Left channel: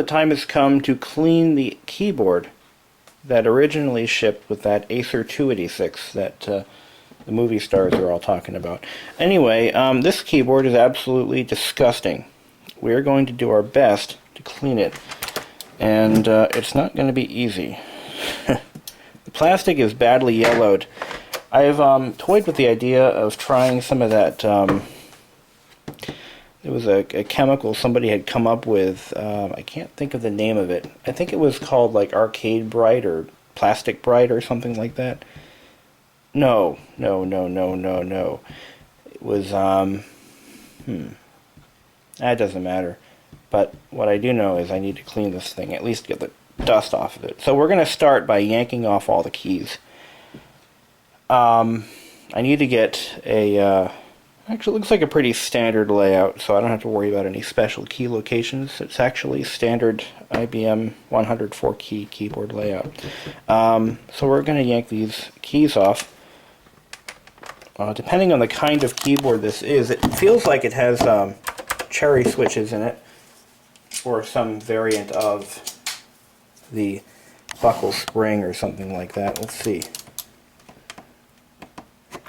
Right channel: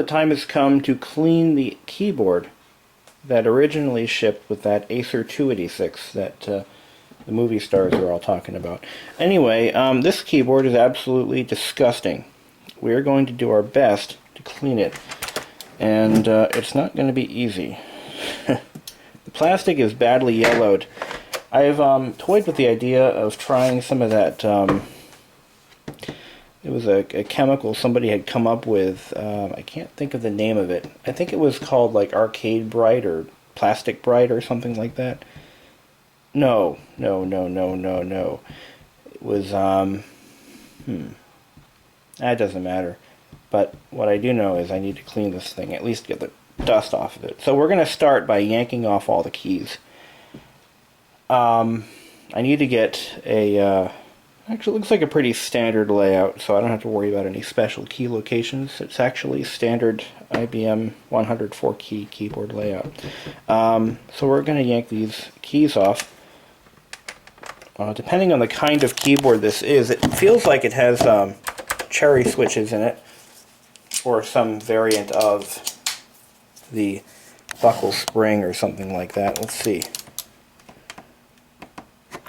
the time has come to clean the keyboard that originally shipped with that Acer 286 that the movie stars are all talking about. Anyway, this keyboard is absolutely disgusting. We're going to do our best to clean it, and it's not going to be easy. The plastic is badly yellowed. I've toyed with the idea of trying some of that. It was a chemical somebody had come up with. I can't think of the name of it. I think it was called like Arcade Bright or Plastic Bright or something like that. No. It was, that doesn't matter. But what I do know is I need to clean this thing, at least get the dust off of it. So we're going to start by yanking off all the keys. I need to get a, actually it looks like a pretty standard layout, so I don't have to worry about any special key locations. It's actually standard IBM 104 key keyboard layout. So we're going to yank these keys off. Depending on the kind of keyboard this is, it feels like it has cherry switches in it, or some variant of the buckle spring or something like that. Let's see.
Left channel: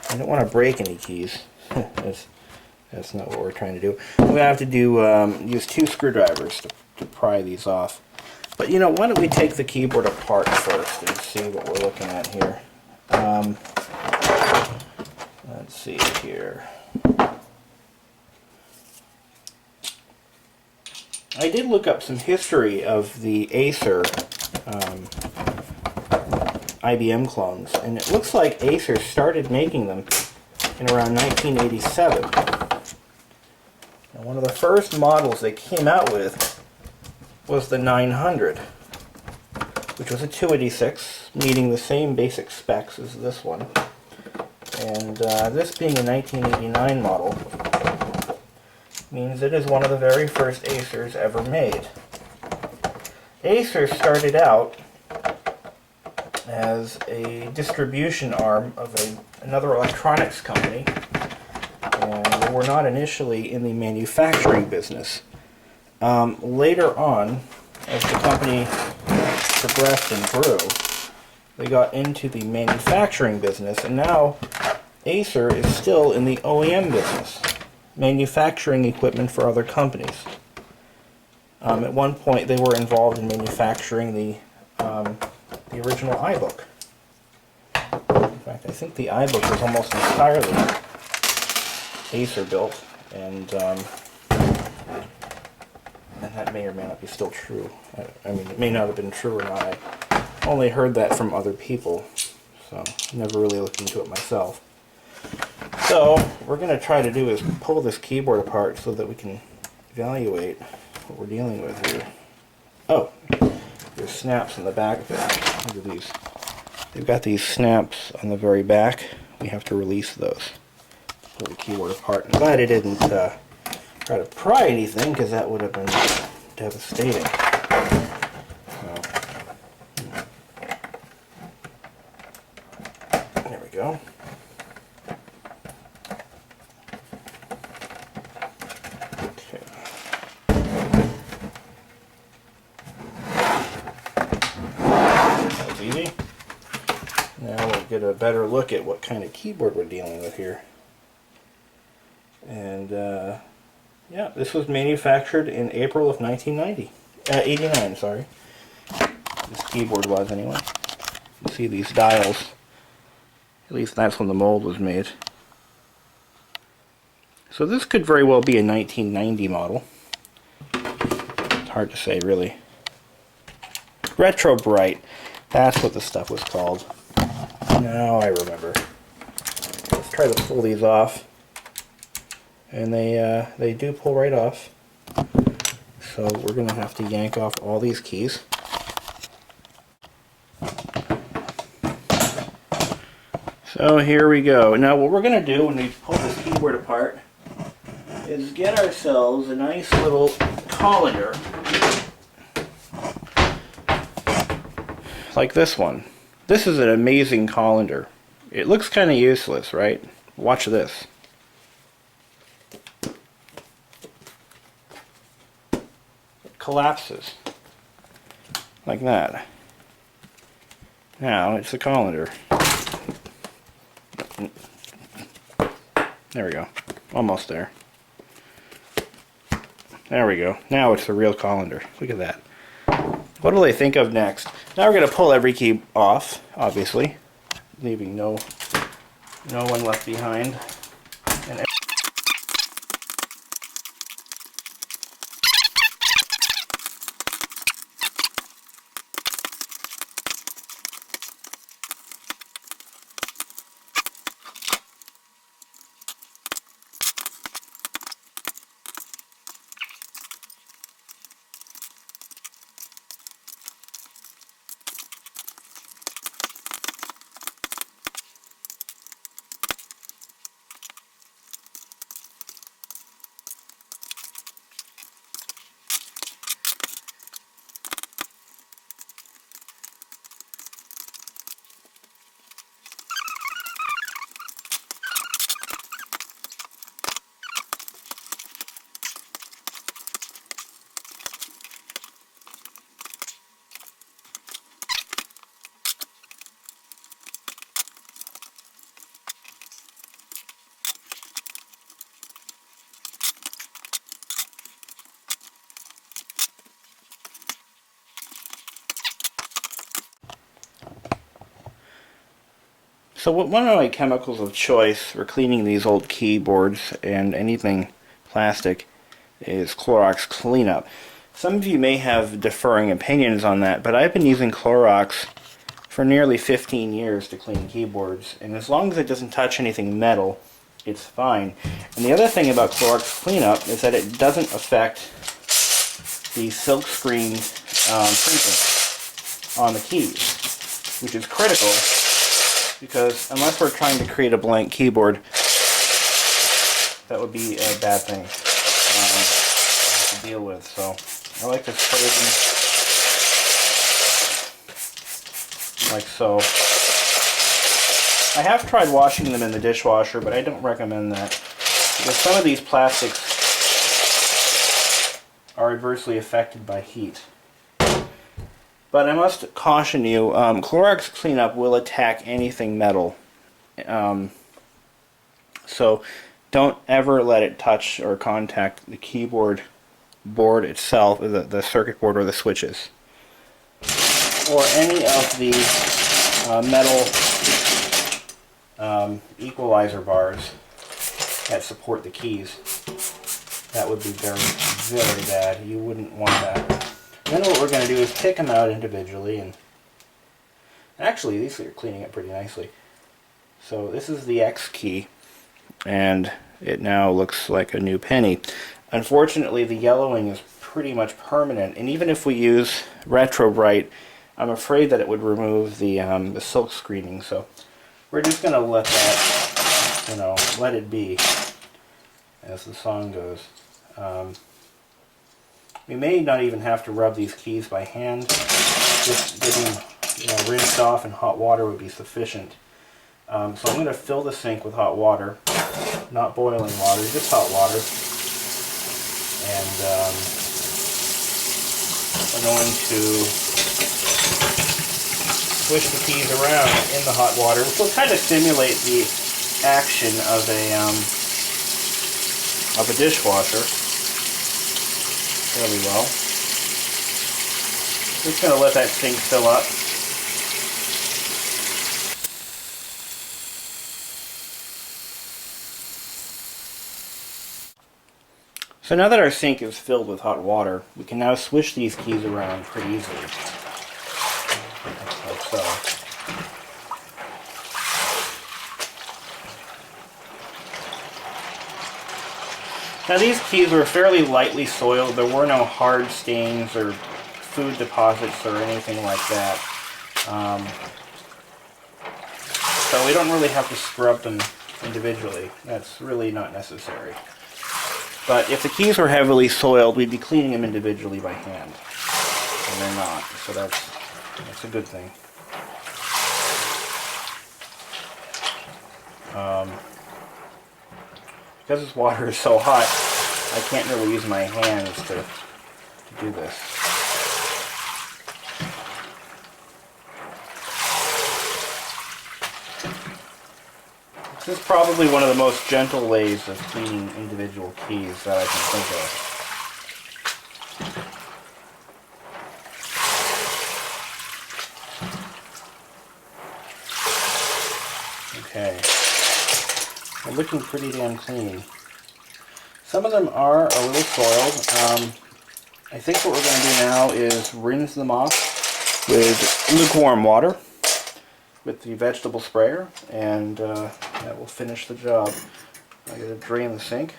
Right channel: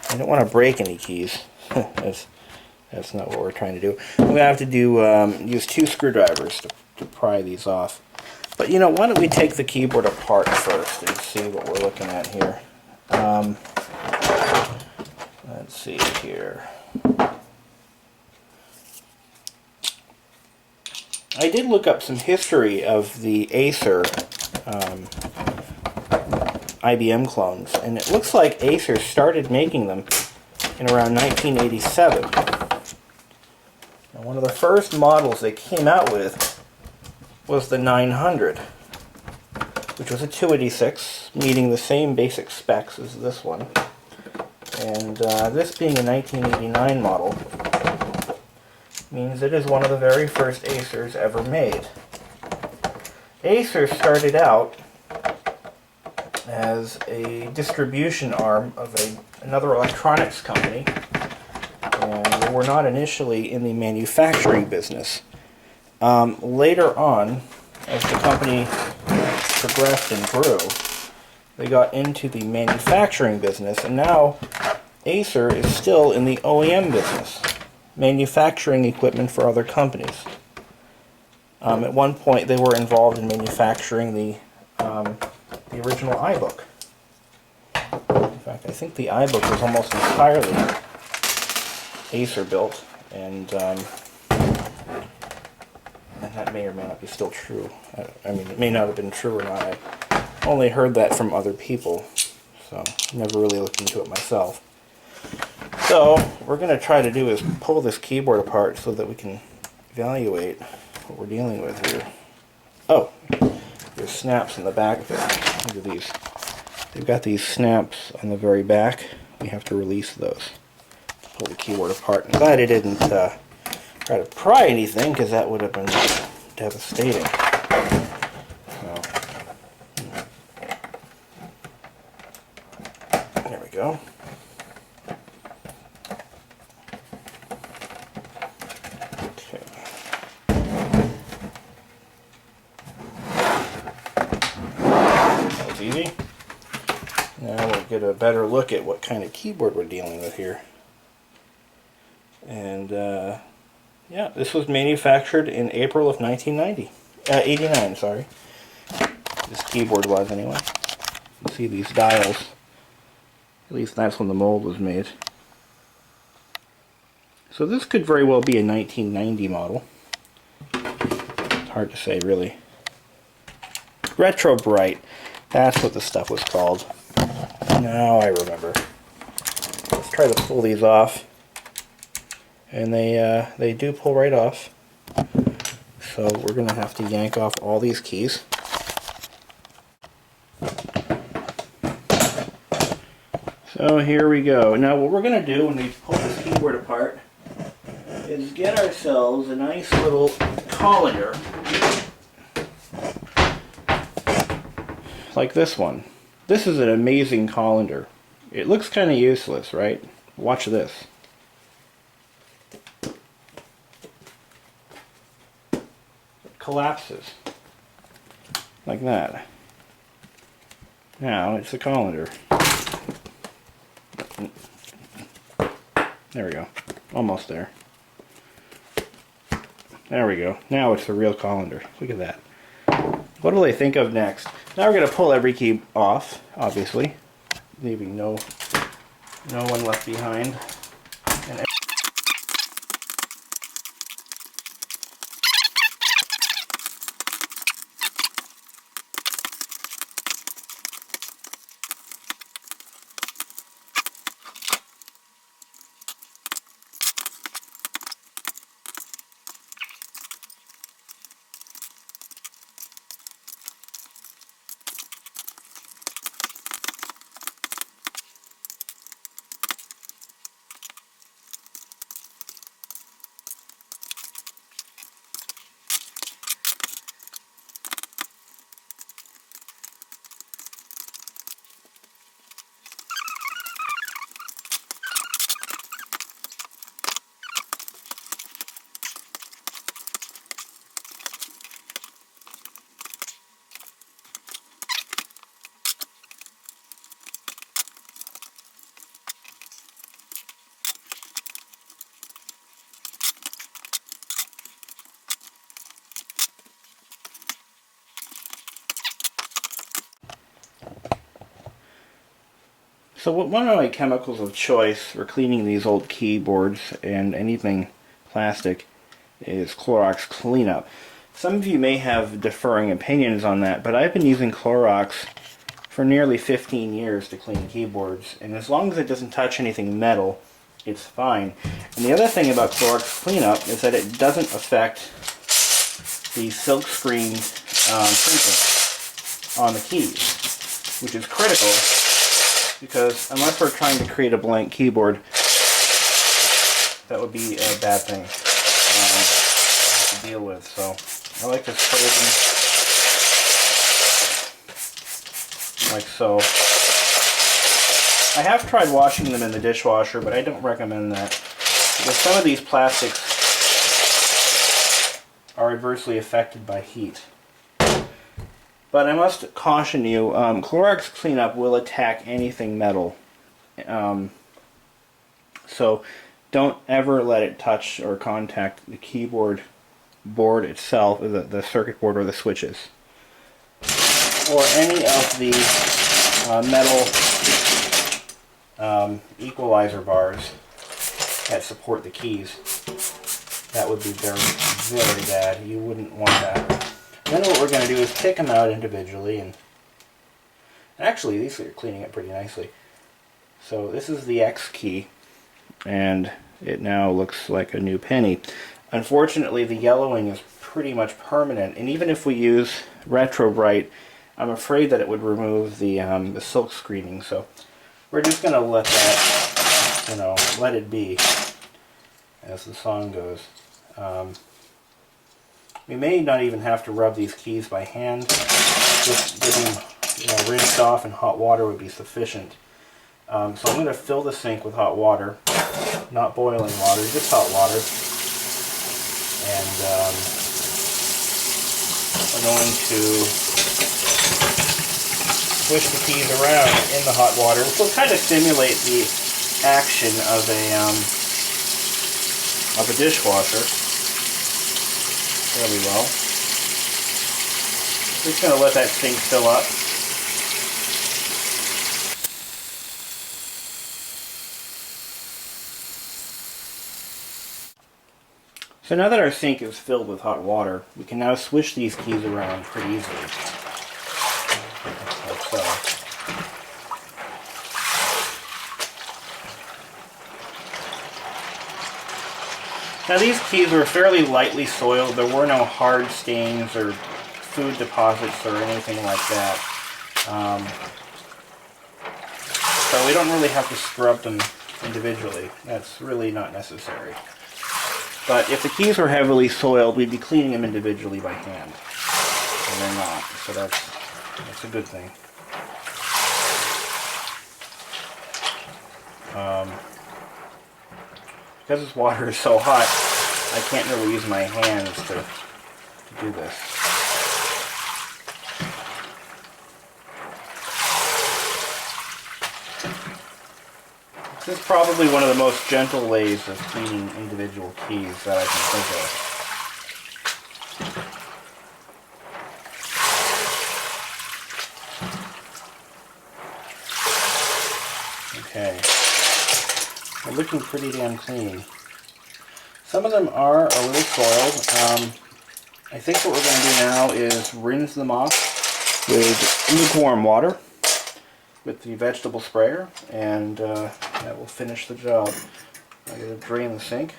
I don't want to break any keys. That's not what we're trying to do. We're going to have to do use 2 screwdrivers to pry these off. But you know, why don't we take the keyboard apart first and see what we're looking at here. Let's see here. I did look up some history of the Acer IBM clones, and it looks like Acer started making them in around 1987. Now, one of the first models they came out with was the 900, which was a 286, meeting the same basic specs as this one. And this being a 1989 model means it is one of the very first Acers ever made. Acer started out as a distribution arm of another electronics company, and they were not initially in the manufacturing business. Later on, as the company progressed and grew, they got into the manufacturing business, and now Acer is still in the OEM business, manufacturing equipment for other companies. At one point they were involved in manufacturing the original iBook. In fact, I think the iBook was almost entirely Acer built, and that may or may not be still true. I mean, it may not have been true or not. I only heard that from other people, so never really looked into it myself. So, what we're going to try to do is pull this keyboard apart so that we can evaluate what we're dealing with here. Oh, there's snaps in the back of it. Look at these. They've got these snaps on the very back. We have to release those to pull the keyboard apart. I'm glad I didn't try to pry anything, because that would have been devastating. So, there we go. Okay. That was easy. Now we'll get a better look at what kind of keyboard we're dealing with here. And yeah, this was manufactured in April of 89, sorry. This keyboard was, anyway. You can see these dials. At least that's when the mold was made. So this could very well be a 1990 model. It's hard to say, really. Retro Bright. That's what the stuff was called. Now I remember. Let's try to pull these off. And they do pull right off. So we're going to have to yank off all these keys. So here we go. Now what we're going to do when we pull this keyboard apart is get ourselves a nice little colander, like this one. This is an amazing colander. It looks kind of useless, right? Watch this. Collapses. like that. Now it's the colander. There we go. Almost there. There we go. Now it's the real colander. Look at that. What will they think of next? Now we're going to pull every key off, obviously, leaving no one left behind. And so one of my chemicals of choice for cleaning these old keyboards and anything plastic is Clorox cleanup. Some of you may have differing opinions on that, but I've been using Clorox for nearly 15 years to clean keyboards, and as long as it doesn't touch anything metal, it's fine. And the other thing about Clorox cleanup is that it doesn't affect the silkscreen printing on the keys, which is critical. Because unless we're trying to create a blank keyboard, that would be a bad thing to deal with. So I like to spray them like so. I have tried washing them in the dishwasher, but I don't recommend that because some of these plastics are adversely affected by heat. But I must caution you, Clorox cleanup will attack anything metal. So don't ever let it touch or contact the keyboard board itself, the circuit board or the switches. Or any of the metal equalizer bars that support the keys. That would be very, very bad. You wouldn't want that. Then what we're going to do is pick them out individually, and actually these are cleaning up pretty nicely. So this is the X key, and it now looks like a new penny. Unfortunately, the yellowing is pretty much permanent, and even if we use Retro Bright, I'm afraid that it would remove the silk screening. So we're just going to let that, let it be, as the song goes. We may not even have to rub these keys by hand. Just getting rinsed off in hot water would be sufficient. So I'm going to fill the sink with hot water, not boiling water, just hot water. And we're going to swish the keys around in the hot water, which will kind of simulate the action of a dishwasher fairly well. Just going to let that sink fill up. So now that our sink is filled with hot water, we can now swish these keys around pretty easily. Like so. Now these keys were fairly lightly soiled. There were no hard stains or food deposits or anything like that. So we don't really have to scrub them individually. That's really not necessary. But if the keys were heavily soiled, we'd be cleaning them individually by hand. And they're not, so that's a good thing. Because this water is so hot, I can't really use my hands to do this. This is probably one of the most gentle ways of cleaning individual keys that I can think of. Okay, they're looking pretty damn clean. Some of them are a little soiled. I think what we're going to do now is rinse them off with lukewarm water with the vegetable sprayer, and that will finish the job. I'm going to drain the sink.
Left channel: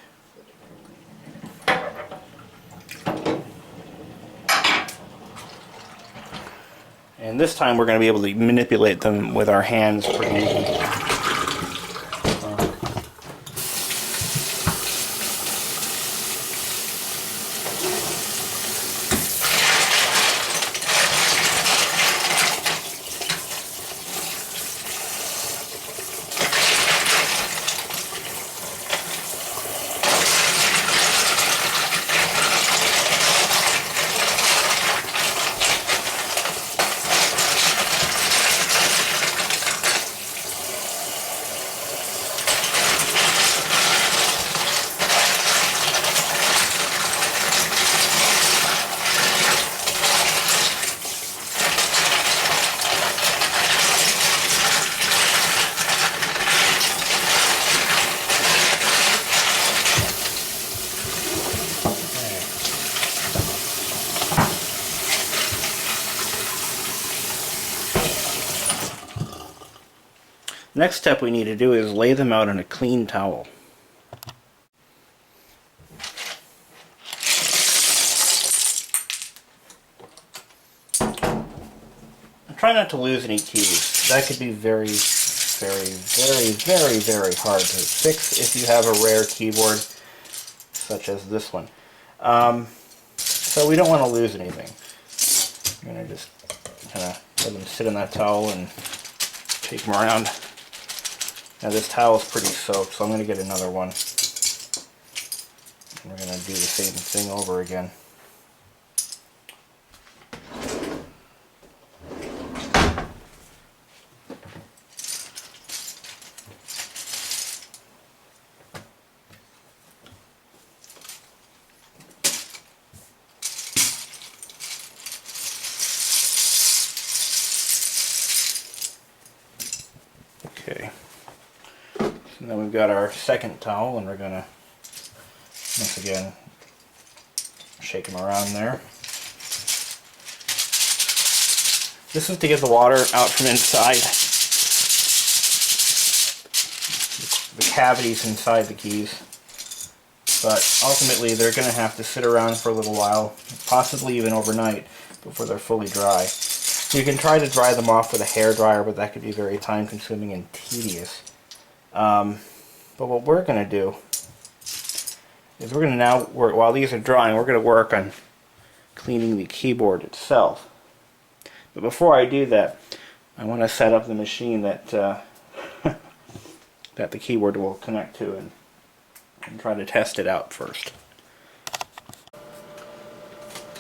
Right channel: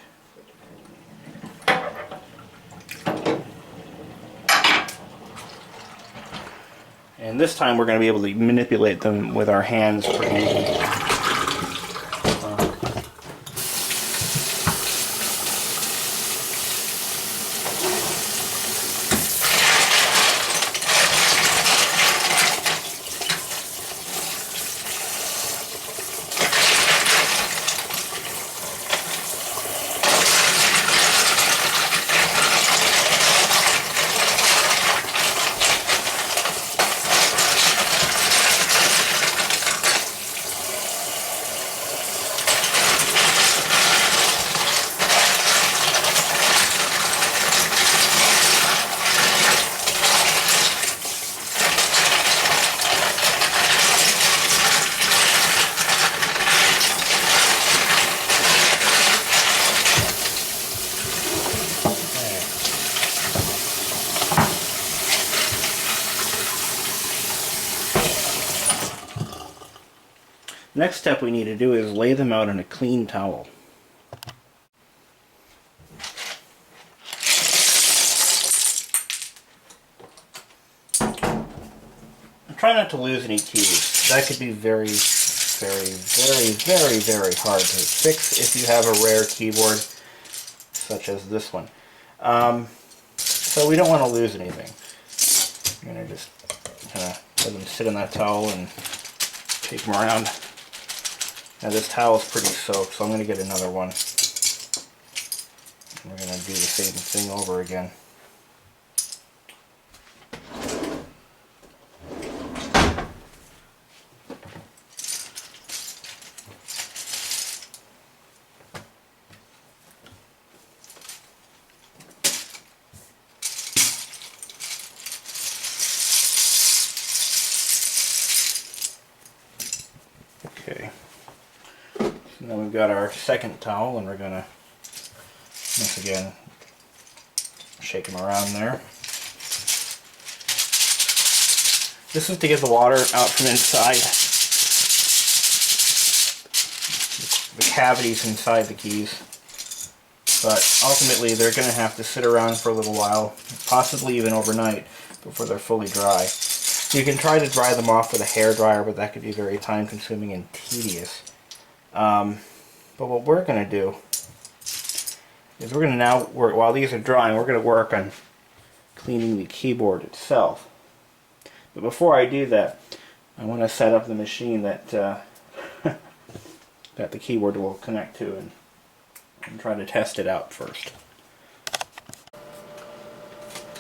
And this time we're going to be able to manipulate them with our hands pretty easily. Next step we need to do is lay them out in a clean towel. Try not to lose any keys. That could be very hard to fix if you have a rare keyboard such as this one. So we don't want to lose anything. I'm going to just kind of let them sit in that towel and take them around. Now this towel is pretty soaked, so I'm going to get another one. And we're going to do the same thing over again. Okay. And then we've got our second towel, and we're going to, once again, shake them around there. This is to get the water out from inside the cavities inside the keys. But ultimately, they're going to have to sit around for a little while, possibly even overnight, before they're fully dry. You can try to dry them off with a hairdryer, but that could be very time-consuming and tedious. But what we're going to do is we're going to now work, while these are drying, we're going to work on cleaning the keyboard itself. But before I do that, I want to set up the machine that that the keyboard will connect to and try to test it out first.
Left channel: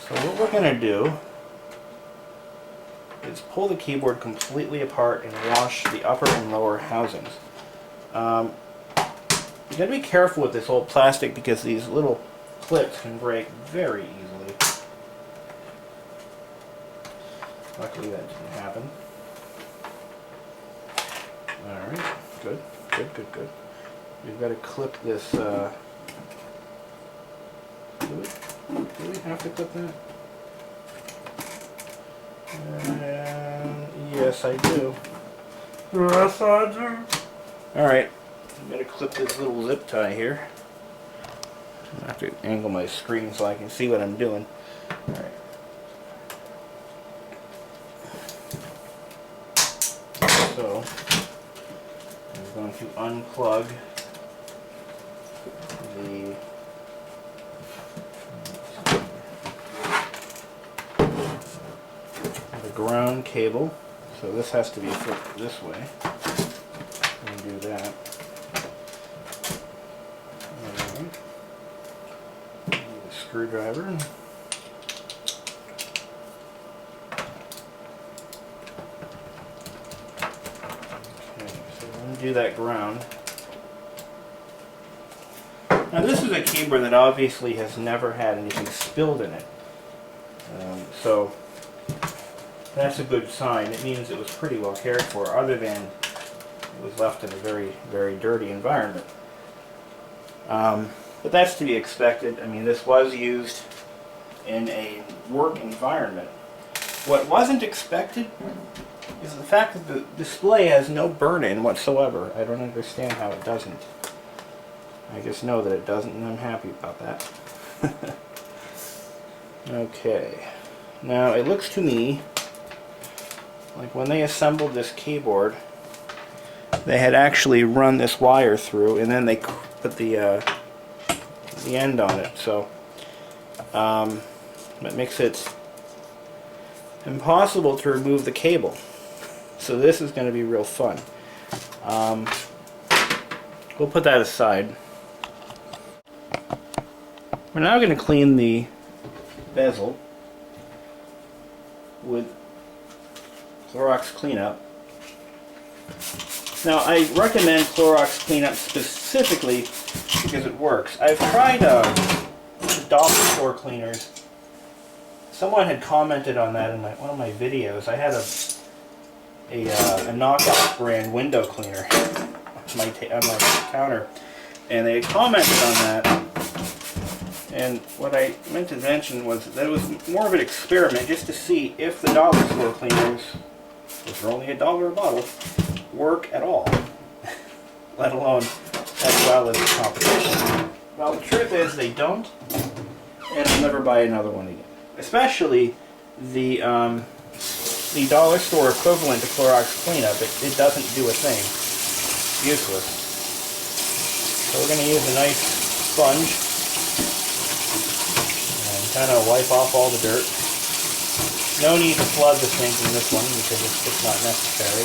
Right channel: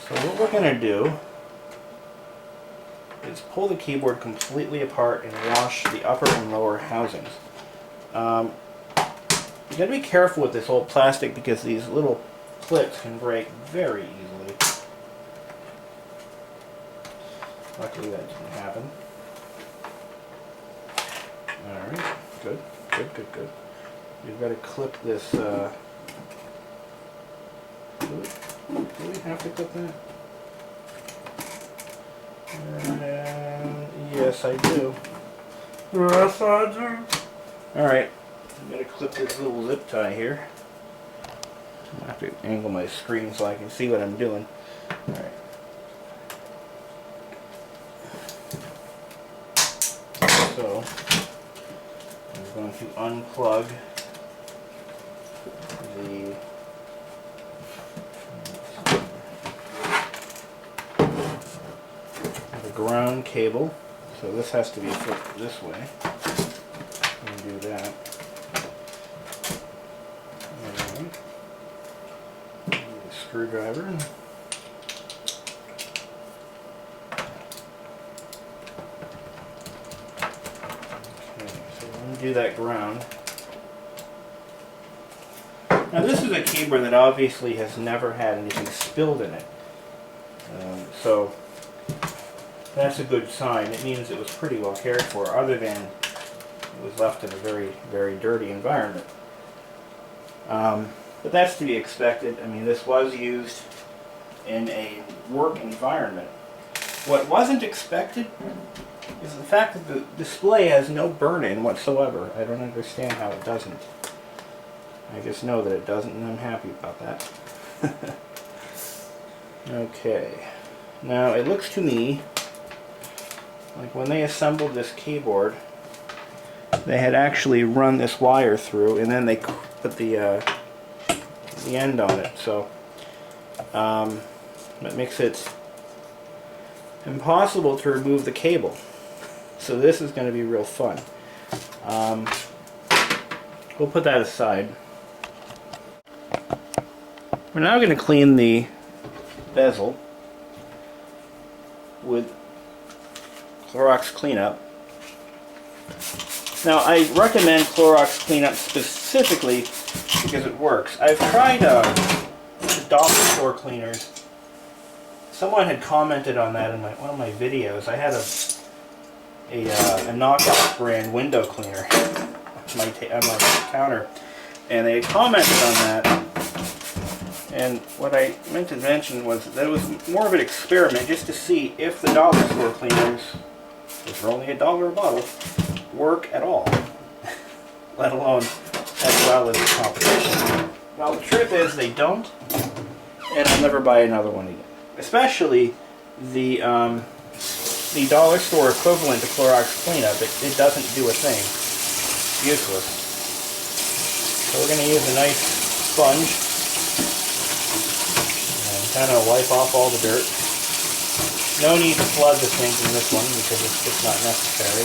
So what we're going to do is pull the keyboard completely apart and wash the upper and lower housings. You got to be careful with this old plastic because these little clips can break very easily. Luckily that didn't happen. Alright, good. We've got to clip this, do we have to clip that? Yes, I do. Yes, I do. Alright, I'm going to clip this little zip tie here. I have to angle my screen so I can see what I'm doing. Alright. So, I'm going to unplug the ground cable. So this has to be flipped this way. And do that. Alright. A screwdriver. Okay, so do that ground. Now this is a keyboard that obviously has never had anything spilled in it. So that's a good sign. It means it was pretty well cared for, other than it was left in a very, very dirty environment. But that's to be expected. I mean, this was used in a work environment. What wasn't expected is the fact that the display has no burn-in whatsoever. I don't understand how it doesn't. I just know that it doesn't, and I'm happy about that. Okay. Now, it looks to me like when they assembled this keyboard, they had actually run this wire through, and then they put the end on it. So that makes it impossible to remove the cable. So this is going to be real fun. We'll put that aside. We're now going to clean the bezel with Clorox cleanup. Now, I recommend Clorox cleanup specifically because it works. I've tried the dollar store cleaners. Someone had commented on that in one of my videos. I had a knockoff brand window cleaner on my counter, and they had commented on that. And what I meant to mention was that it was more of an experiment just to see if the dollar store cleaners, which are only $1 a bottle, work at all, let alone as well as the competition. Well, the truth is they don't, and I'll never buy another one again. Especially the dollar store equivalent to Clorox cleanup. It doesn't do a thing. It's useless. So we're going to use a nice sponge and kind of wipe off all the dirt. No need to flood the sink in this one because it's just not necessary.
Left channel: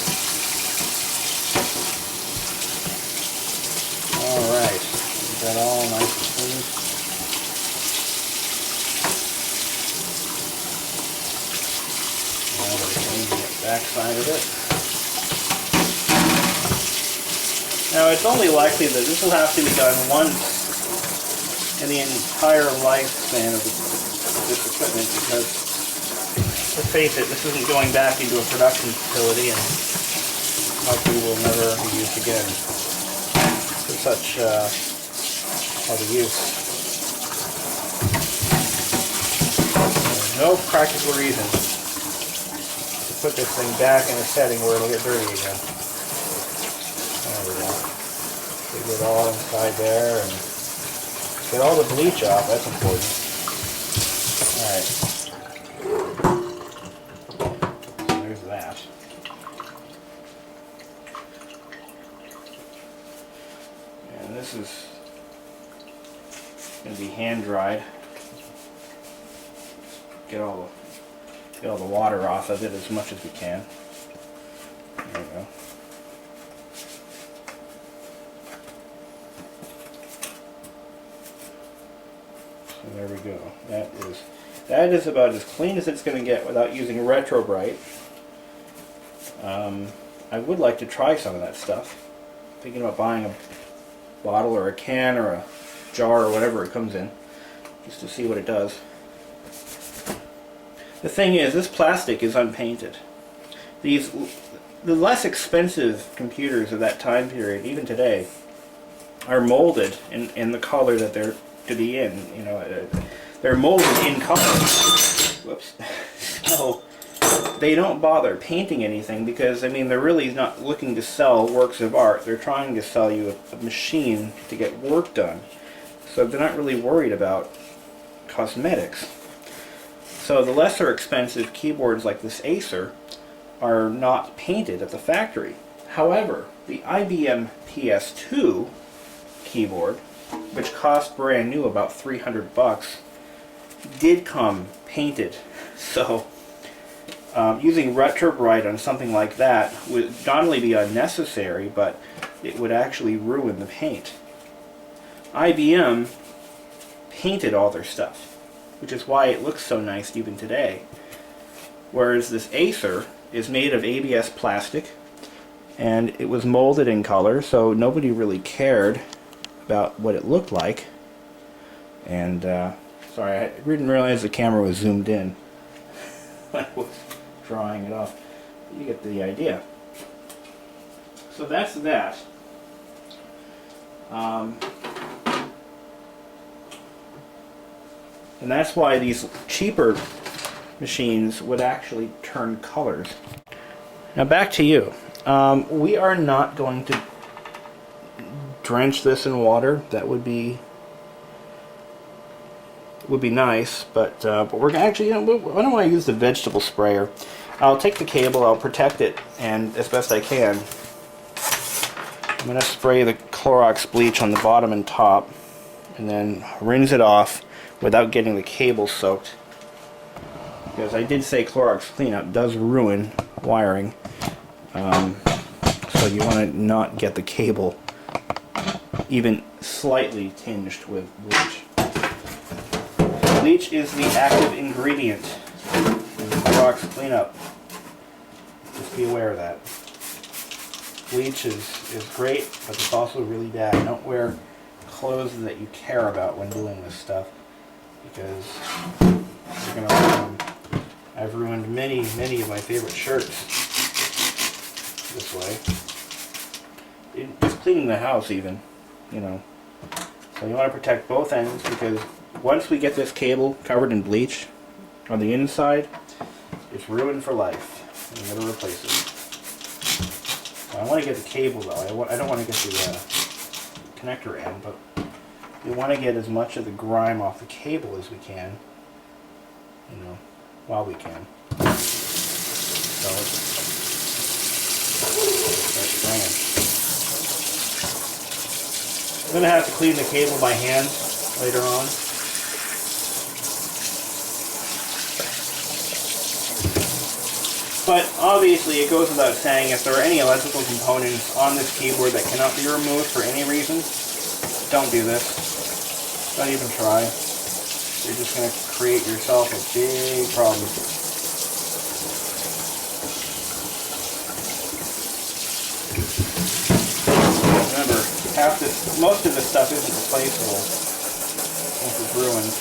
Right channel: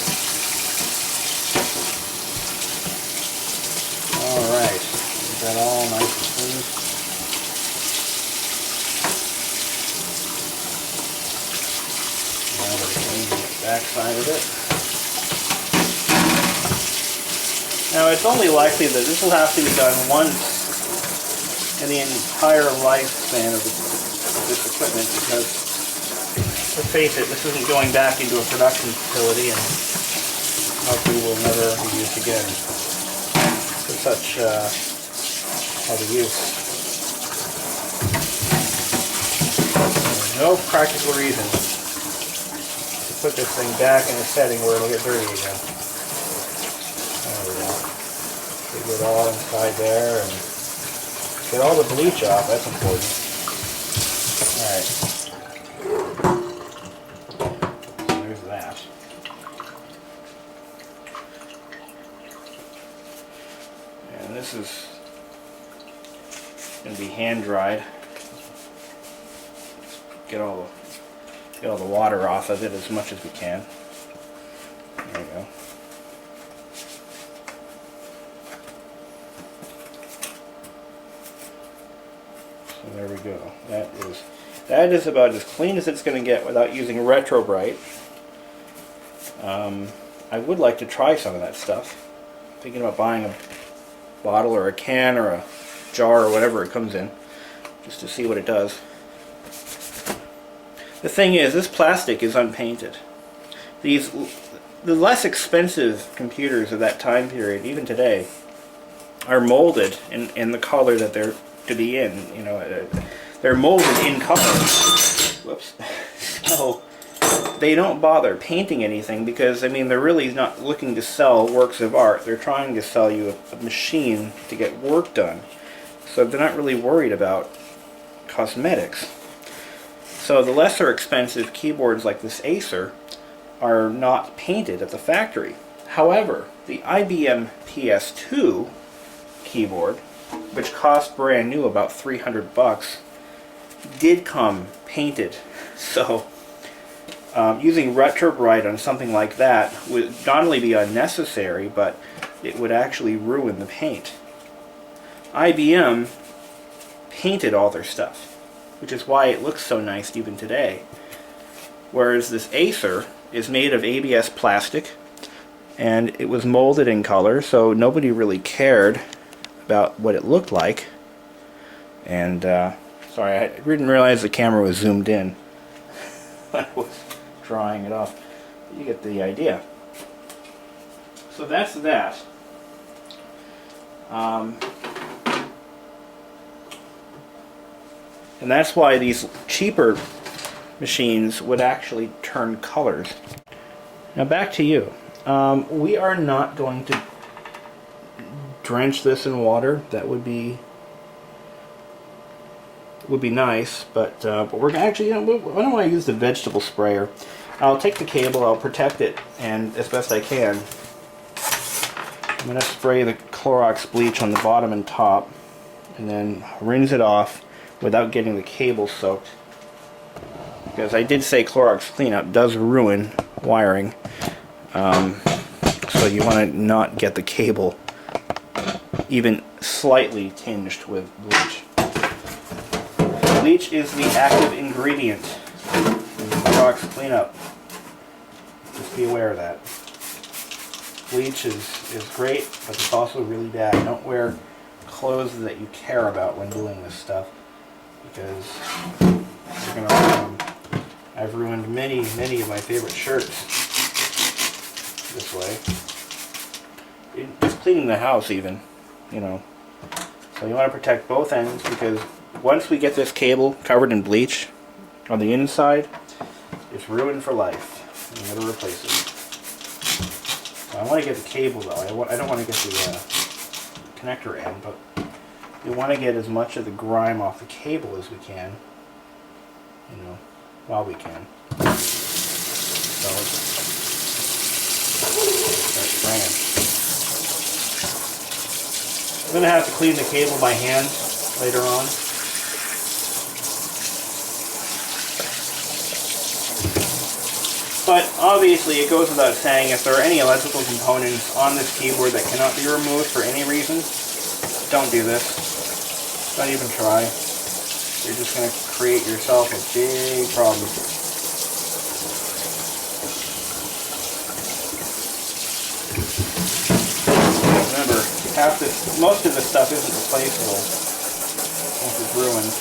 Alright, get that all nice and clean. Now we're cleaning the back side of it. Now it's only likely that this will have to be done once in the entire lifespan of this equipment because, let's face it, this isn't going back into a production facility and likely will never be used again for such heavy use. There's no practical reason to put this thing back in a setting where it'll get dirty again. There we go. Get it all inside there and get all the bleach off. That's important. Alright. So there's that. And this is going to be hand dried. Get all the water off of it as much as we can. There we go. So there we go. That is about as clean as it's going to get without using Retro Bright. I would like to try some of that stuff. Thinking about buying a bottle or a can or a jar or whatever it comes in, just to see what it does. The thing is, this plastic is unpainted. The less expensive computers of that time period, even today, are molded in the color that they're to be in. You know, they're molded in color. Whoops. So they don't bother painting anything because, I mean, they're really not looking to sell works of art. They're trying to sell you a machine to get work done. So they're not really worried about cosmetics. So the lesser expensive keyboards like this Acer are not painted at the factory. However, the IBM PS2 keyboard, which cost brand new about $300, did come painted. So using Retro Bright on something like that would not only be unnecessary, but it would actually ruin the paint. IBM painted all their stuff, which is why it looks so nice even today. Whereas this Acer is made of ABS plastic, and it was molded in color, so nobody really cared about what it looked like. And sorry, I didn't realize the camera was zoomed in when I was drawing it off. You get the idea. So that's that. And that's why these cheaper machines would actually turn colors. Now back to you. We are not going to drench this in water. That would be nice, but we're actually, I don't want to use the vegetable sprayer. I'll take the cable, I'll protect it, and as best I can, I'm going to spray the Clorox bleach on the bottom and top, and then rinse it off without getting the cable soaked. Because I did say Clorox cleanup does ruin wiring, so you want to not get the cable even slightly tinged with bleach. Bleach is the active ingredient in Clorox cleanup. Just be aware of that. Bleach is great, but it's also really bad. Don't wear clothes that you care about when doing this stuff, because you're going to ruin them. I've ruined many of my favorite shirts this way. Just cleaning the house even, you know. So you want to protect both ends, because once we get this cable covered in bleach on the inside, it's ruined for life. You gotta replace it. So I want to get the cable though. I don't want to get the connector end, but we want to get as much of the grime off the cable as we can, you know, while we can. So start spraying. I'm gonna have to clean the cable by hand later on. But obviously it goes without saying, if there are any electrical components on this keyboard that cannot be removed for any reason, don't do this. Don't even try. You're just going to create yourself a big problem. Remember, most of this stuff isn't replaceable once it's ruined.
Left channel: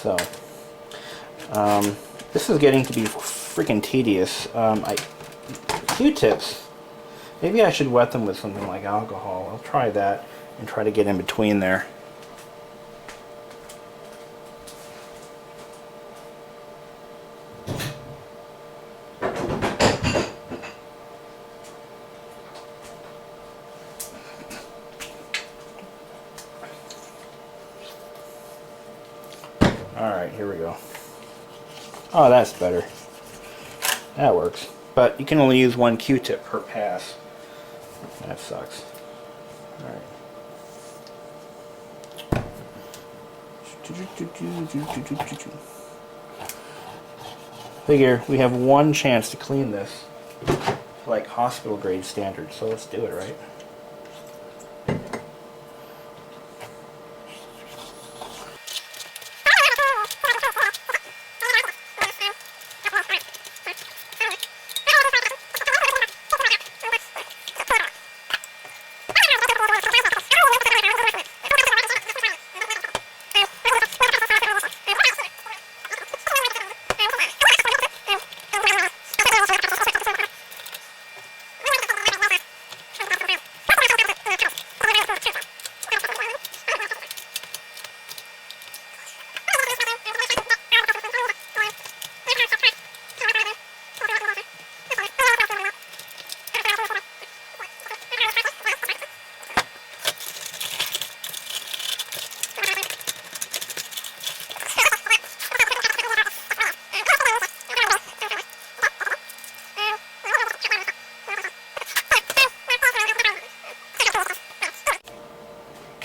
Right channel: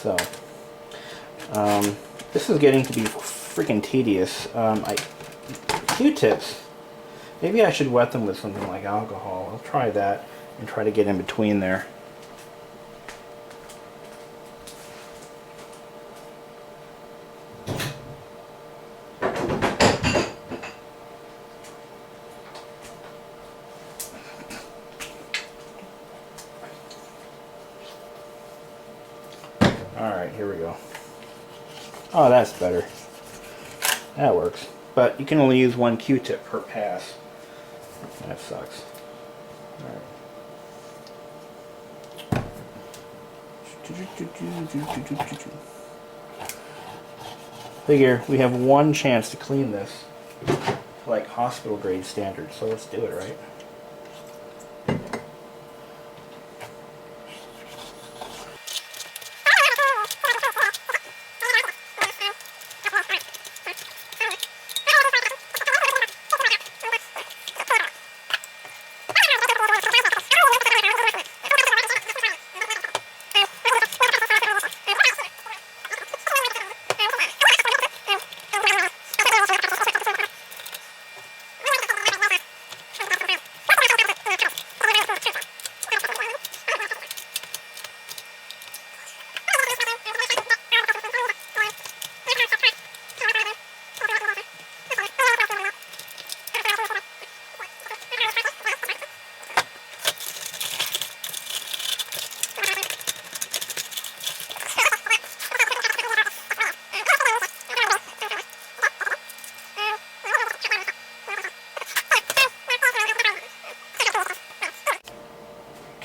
So, this is getting to be freaking tedious. Q-tips, maybe I should wet them with something like alcohol. I'll try that and try to get in between there. Alright, here we go. Oh, that's better. That works. But you can only use one Q-tip per pass. That sucks. Alright. Figure we have one chance to clean this to like hospital grade standards, so let's do it, right?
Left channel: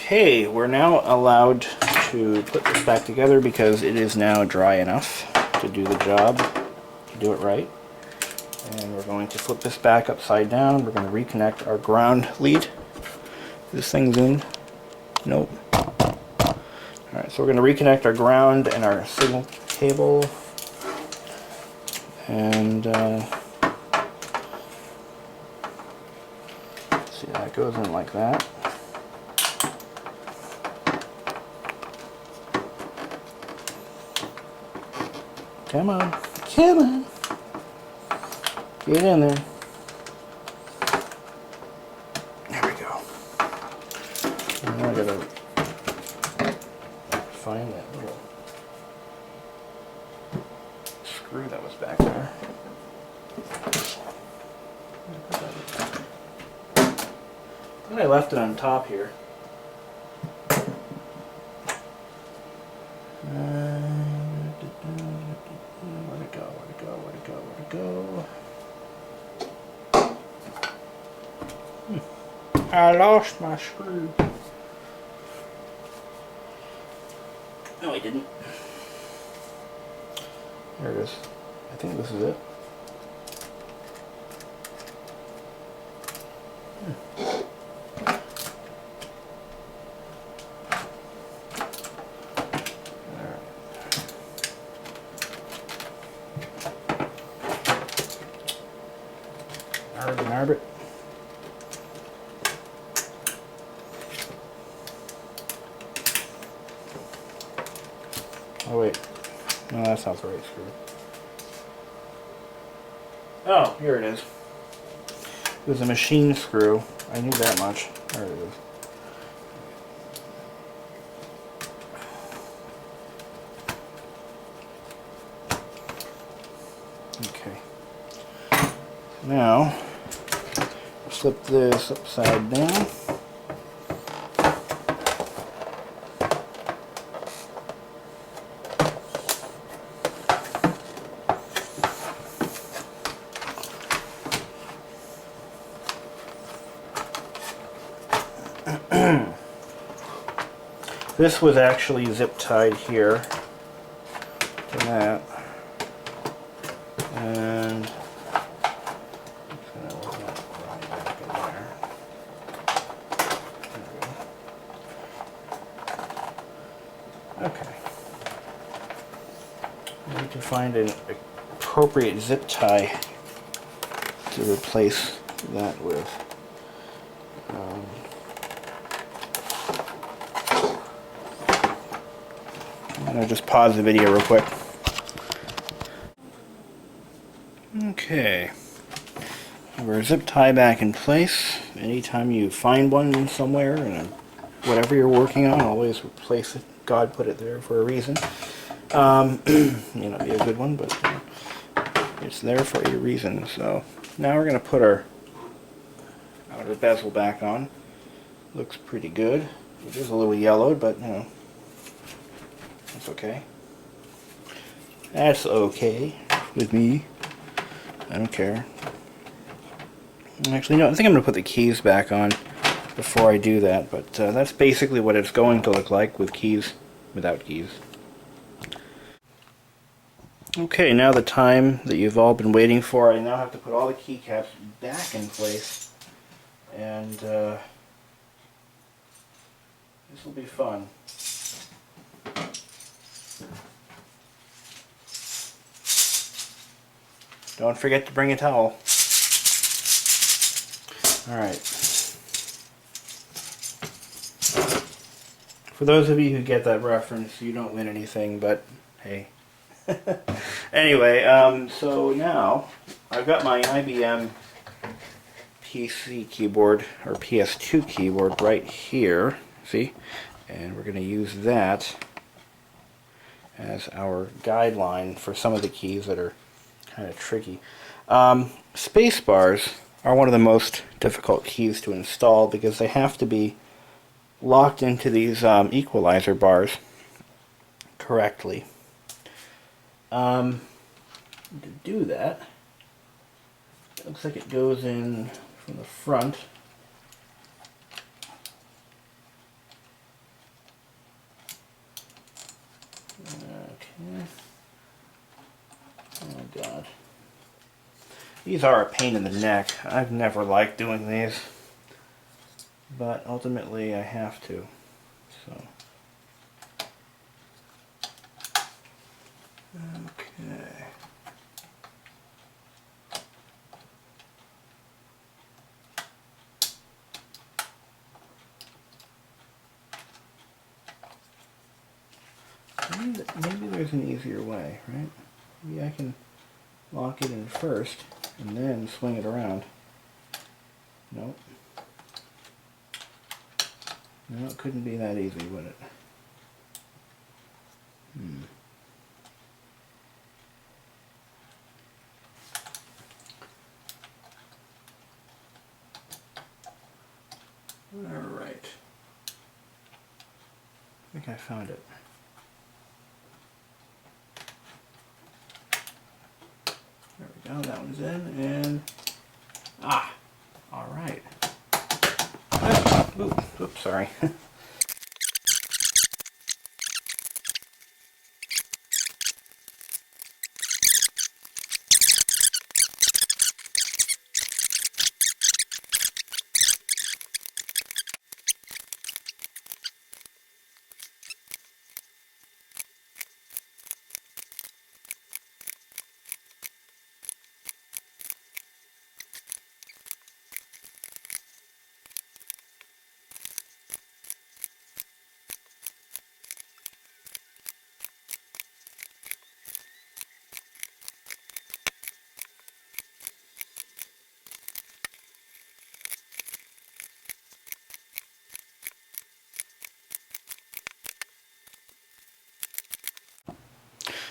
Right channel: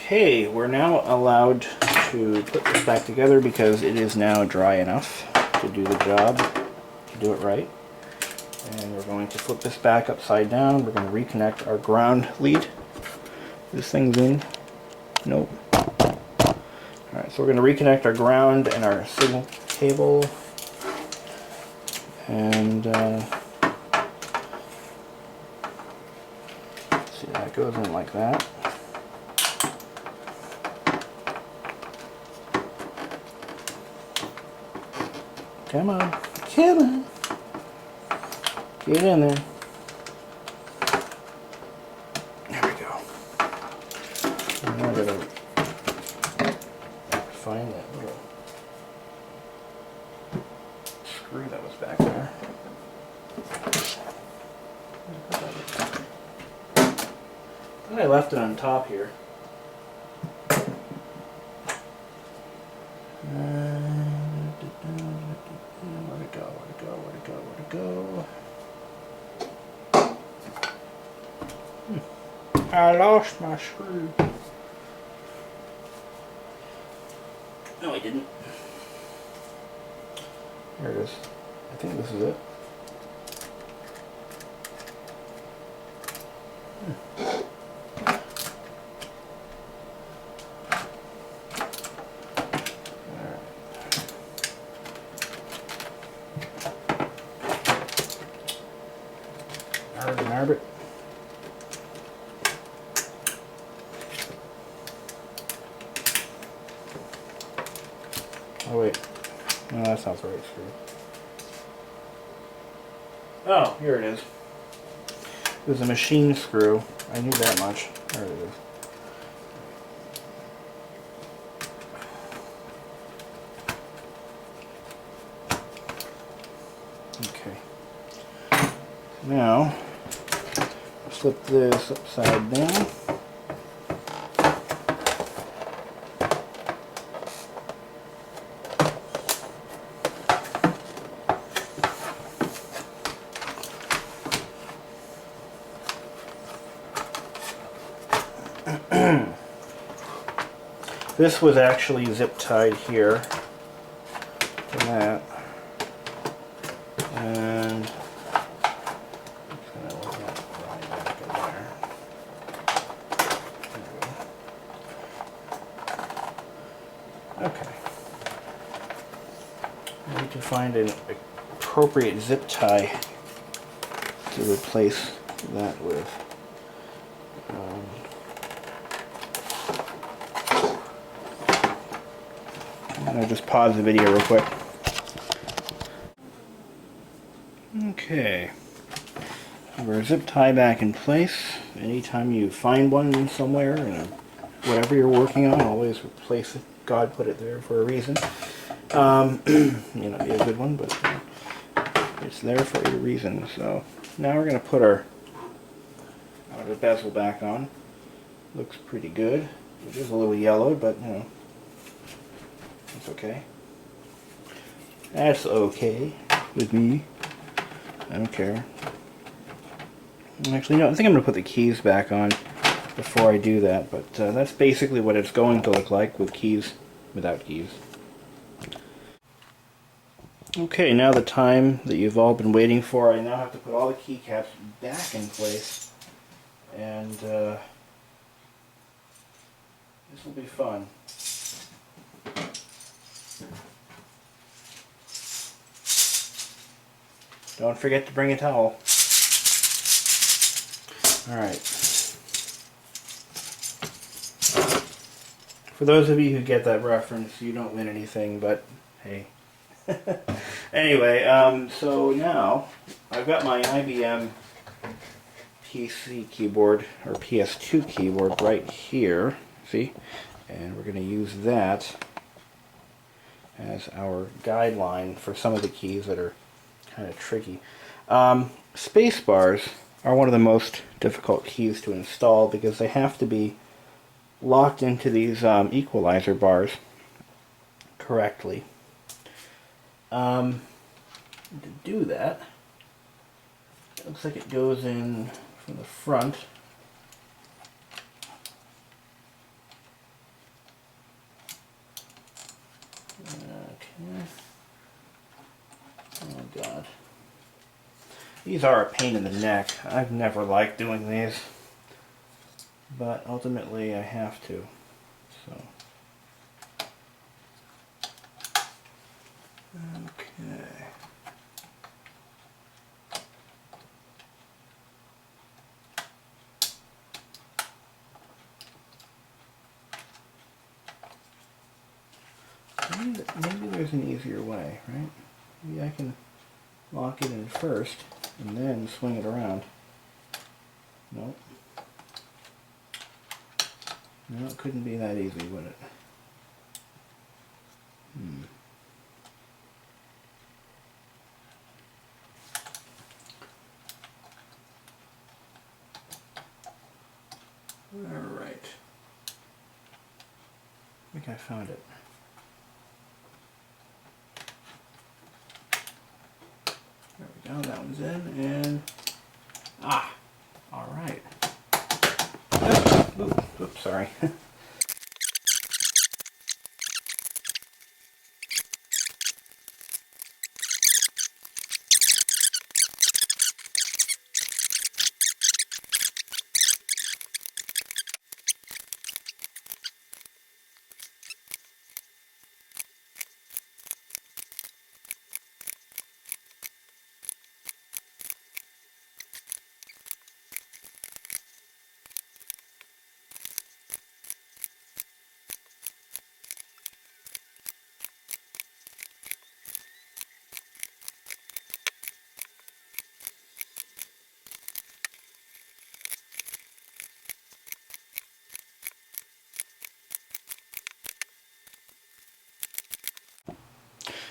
Okay, we're now allowed to put this back together because it is now dry enough to do the job, to do it right. And we're going to flip this back upside down. We're going to reconnect our ground lead This thing zoomed? Nope. Alright, so we're going to reconnect our ground and our signal cable. And see, that goes in like that. Come on, come on. Get in there. There we go. And now I gotta find that little screw that was back there. And I left it on top here. Where'd it go? Where'd it go? Where'd it go? Where'd it go? I lost my screw. No, I didn't. There it is. I think this is it. Arbit. Oh wait, no, that's not the right screw. Oh, here it is. It was a machine screw. I knew that much. There it is. Okay. Now, flip this upside down. This was actually zip tied here to that, and okay. I need to find an appropriate zip tie to replace that with. I'm going to just pause the video real quick. Okay. Our zip tie back in place. Anytime you find one somewhere, whatever you're working on, always replace it. God put it there for a reason. May not be a good one, but it's there for a reason. So now we're going to put our bezel back on. Looks pretty good. It is a little yellowed, but you know, that's okay. That's okay with me. I don't care. Actually, no, I think I'm going to put the keys back on before I do that, but that's basically what it's going to look like with keys, without keys. Okay, now the time that you've all been waiting for, I now have to put all the keycaps back in place, and this will be fun. Don't forget to bring a towel. Alright. For those of you who get that reference, you don't win anything, but hey. Anyway, so now I've got my IBM PC keyboard, or PS2 keyboard right here, see? And we're going to use that as our guideline for some of the keys that are kind of tricky. Space bars are one of the most difficult keys to install because they have to be locked into these equalizer bars correctly. To do that, it looks like it goes in from the front. Okay. Oh God. These are a pain in the neck. I've never liked doing these. but ultimately I have to. So, okay. Maybe there's an easier way, right? Maybe I can lock it in first and then swing it around. Nope. No, it couldn't be that easy, would it? Alright. I think I found it. There we go, that one's in, and... alright. Oops, sorry.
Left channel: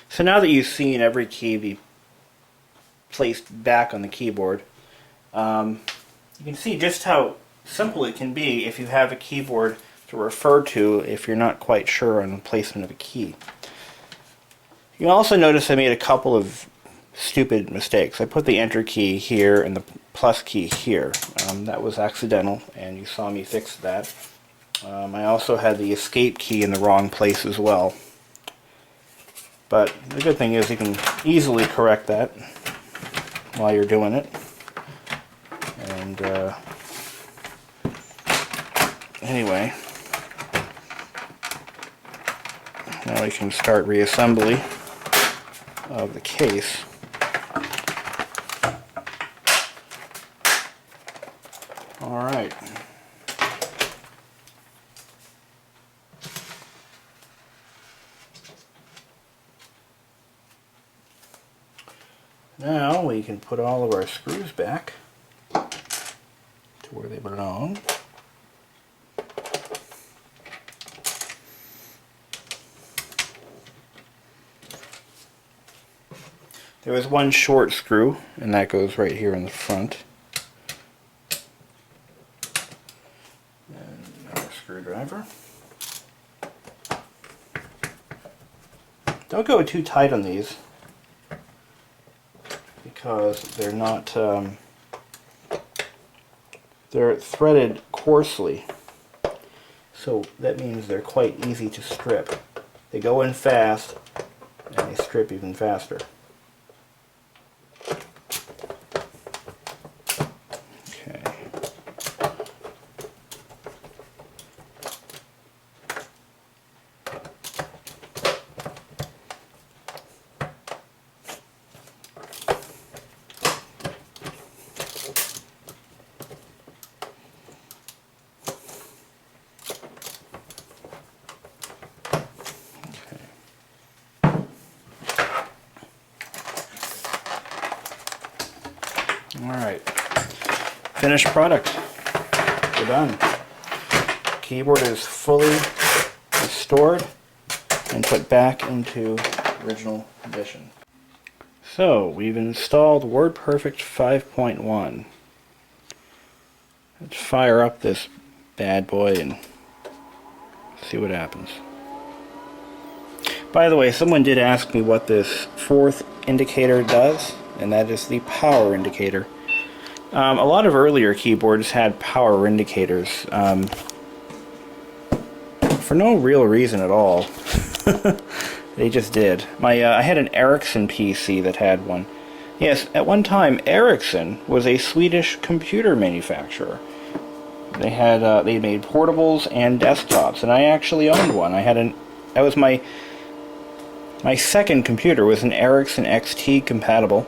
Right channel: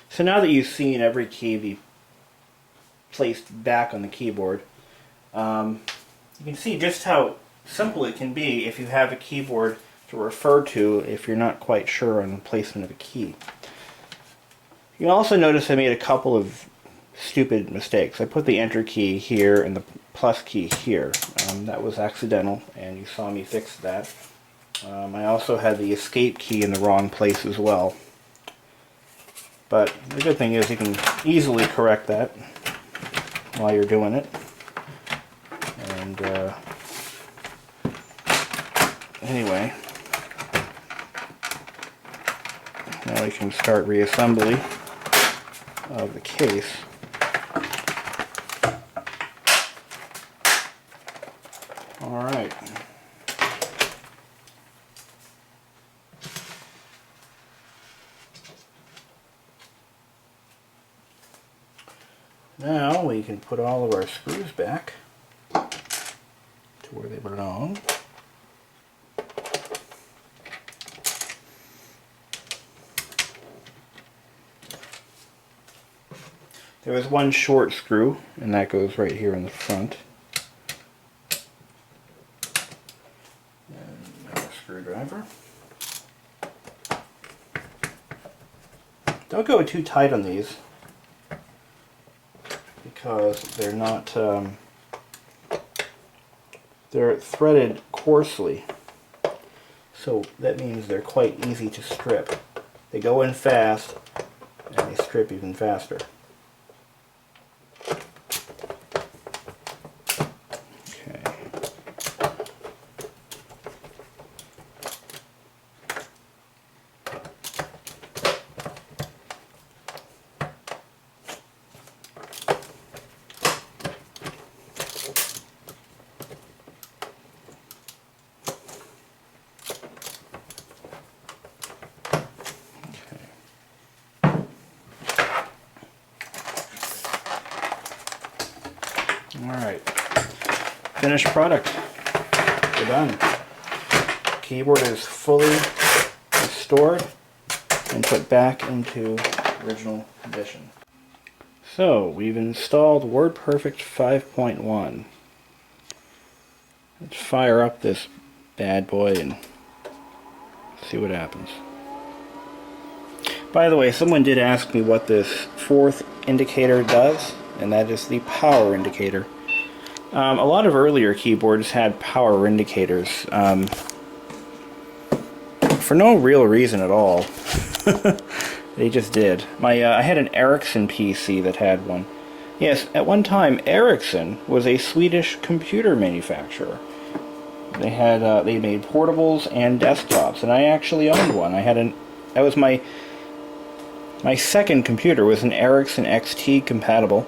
So now that you've seen every key be placed back on the keyboard, you can see just how simple it can be if you have a keyboard to refer to if you're not quite sure on the placement of a key. You also notice I made a couple of stupid mistakes. I put the enter key here and the plus key here. That was accidental, and you saw me fix that. I also had the escape key in the wrong place as well. But the good thing is you can easily correct that while you're doing it. And anyway, now we can start reassembly of the case. Alright. Now we can put all of our screws back to where they belong. There is one short screw, and that goes right here in the front. And another screwdriver. Don't go too tight on these, because they're not, they're threaded coarsely, so that means they're quite easy to strip. They go in fast, and they strip even faster. Okay. Alright, finished product. We're done. Keyboard is fully restored and put back into original condition. So, we've installed WordPerfect 5.1. Let's fire up this bad boy and see what happens. By the way, someone did ask me what this fourth indicator does, and that is the power indicator. A lot of earlier keyboards had power indicators for no real reason at all. They just did. I had an Ericsson PC that had one. Yes, at one time Ericsson was a Swedish computer manufacturer. They made portables and desktops, and I actually owned one. That was my second computer, was an Ericsson XT compatible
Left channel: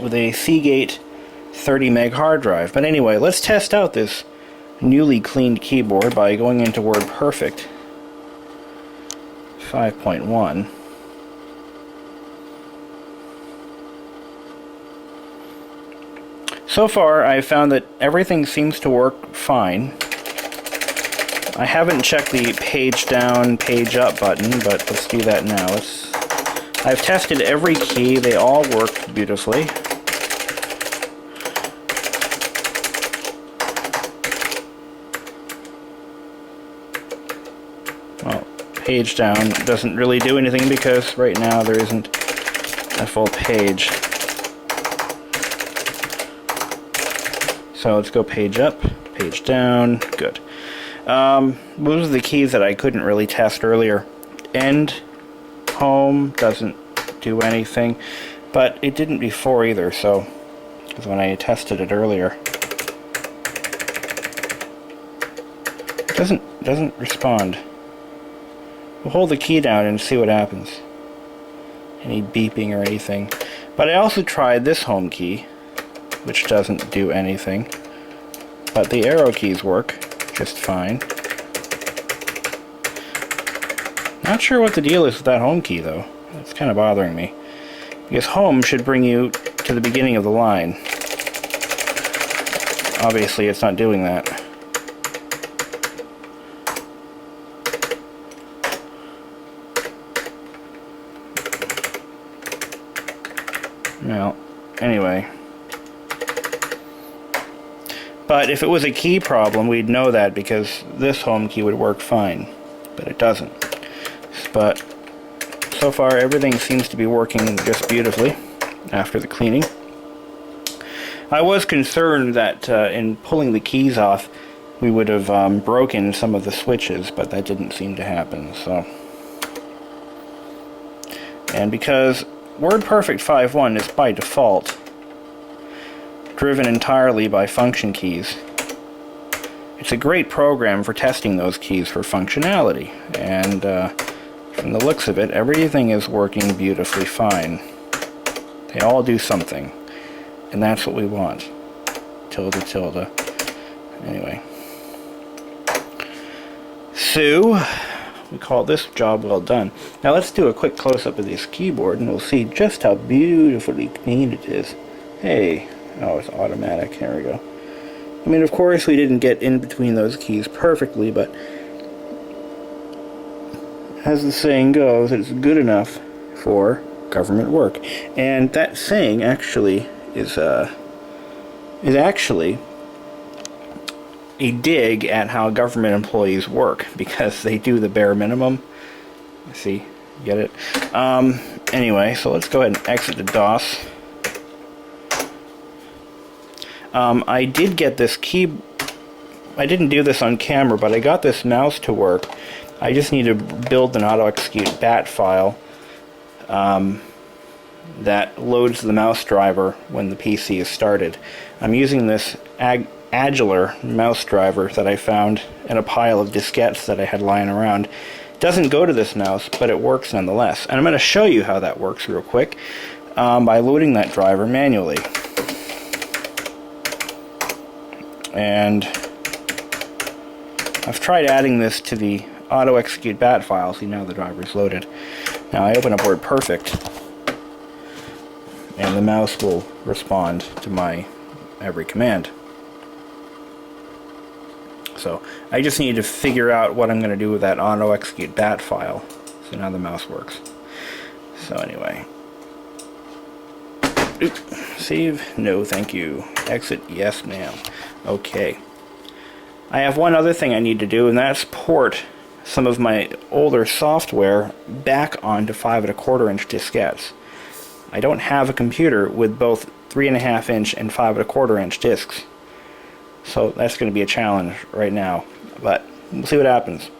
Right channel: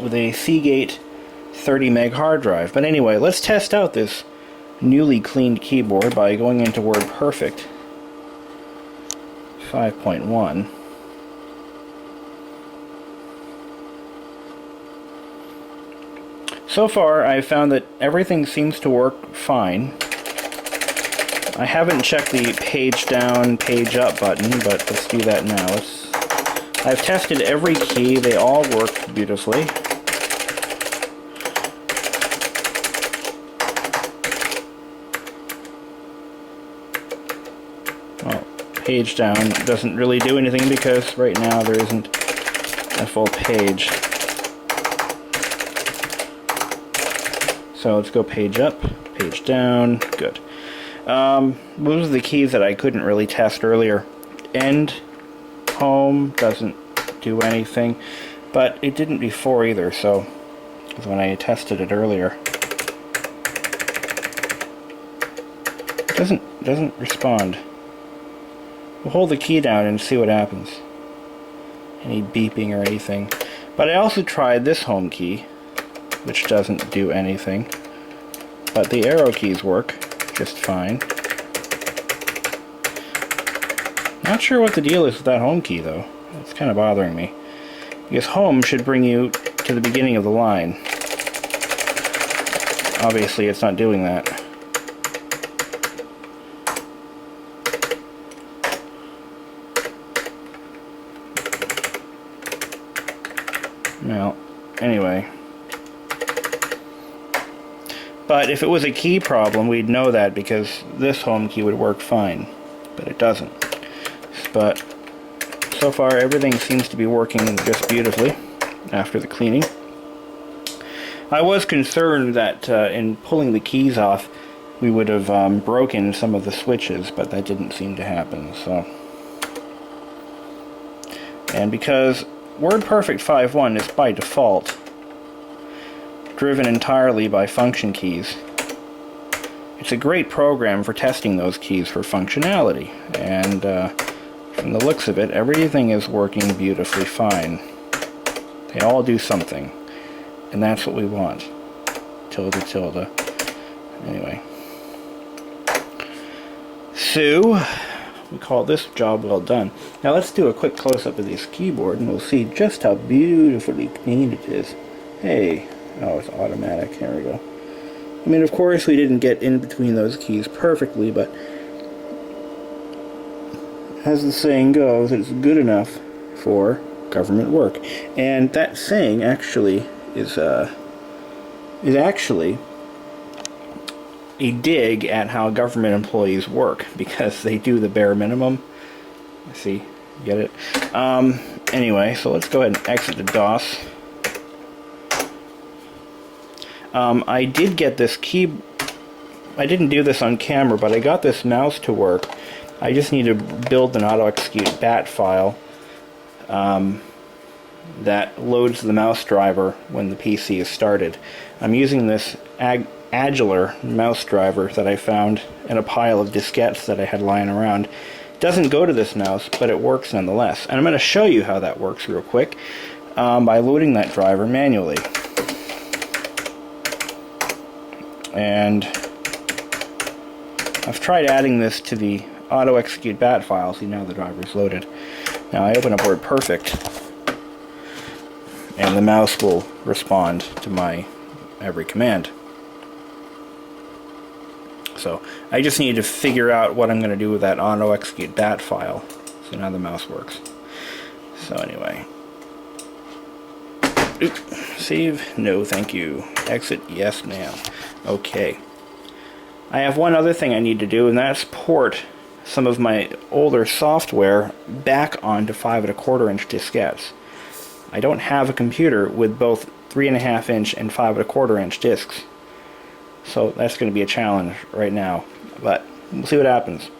with a Seagate 30 meg hard drive. But anyway, let's test out this newly cleaned keyboard by going into WordPerfect 5.1. So far, I've found that everything seems to work fine. I haven't checked the page down, page up button, but let's do that now. I've tested every key. They all work beautifully. Well, page down doesn't really do anything because right now there isn't a full page. So let's go page up, page down, good. Those are the keys that I couldn't really test earlier. End, home, doesn't do anything, but it didn't before either, so, because when I tested it earlier, it doesn't respond. We'll hold the key down and see what happens. Any beeping or anything. But I also tried this home key, which doesn't do anything, but the arrow keys work just fine. Not sure what the deal is with that home key though. It's kind of bothering me, because home should bring you to the beginning of the line. Obviously it's not doing that. Well, anyway. But if it was a key problem, we'd know that, because this home key would work fine. But it doesn't. But so far everything seems to be working just beautifully after the cleaning. I was concerned that in pulling the keys off we would have broken some of the switches, but that didn't seem to happen. So, and because WordPerfect 5.1 is by default driven entirely by function keys, it's a great program for testing those keys for functionality, and from the looks of it, everything is working beautifully fine. They all do something, and that's what we want. Tilde, tilde. Anyway. So, we call this job well done. Now let's do a quick close-up of this keyboard, and we'll see just how beautifully clean it is. Hey. Oh, it's automatic. There we go. I mean, of course, we didn't get in between those keys perfectly, but as the saying goes, it's good enough for government work. And that saying actually is actually a dig at how government employees work, because they do the bare minimum. See, get it? Anyway, so let's go ahead and exit the DOS. I did get this key. I didn't do this on camera, but I got this mouse to work. I just need to build an auto-execute bat file that loads the mouse driver when the PC is started. I'm using this Agiler mouse driver that I found in a pile of diskettes that I had lying around. It doesn't go to this mouse, but it works nonetheless. And I'm going to show you how that works real quick by loading that driver manually. And I've tried adding this to the auto-execute bat file. See, now the driver's loaded. Now I open up WordPerfect, and the mouse will respond to my every command. So I just need to figure out what I'm going to do with that auto-execute bat file. So now the mouse works. So anyway. Oop. Save? No, thank you. Exit? Yes, ma'am. Okay. I have one other thing I need to do, and that's port some of my older software back onto 5 1/4 inch diskettes. I don't have a computer with both 3.5 inch and 5 1/4 inch discs. So that's going to be a challenge right now, but we'll see what happens.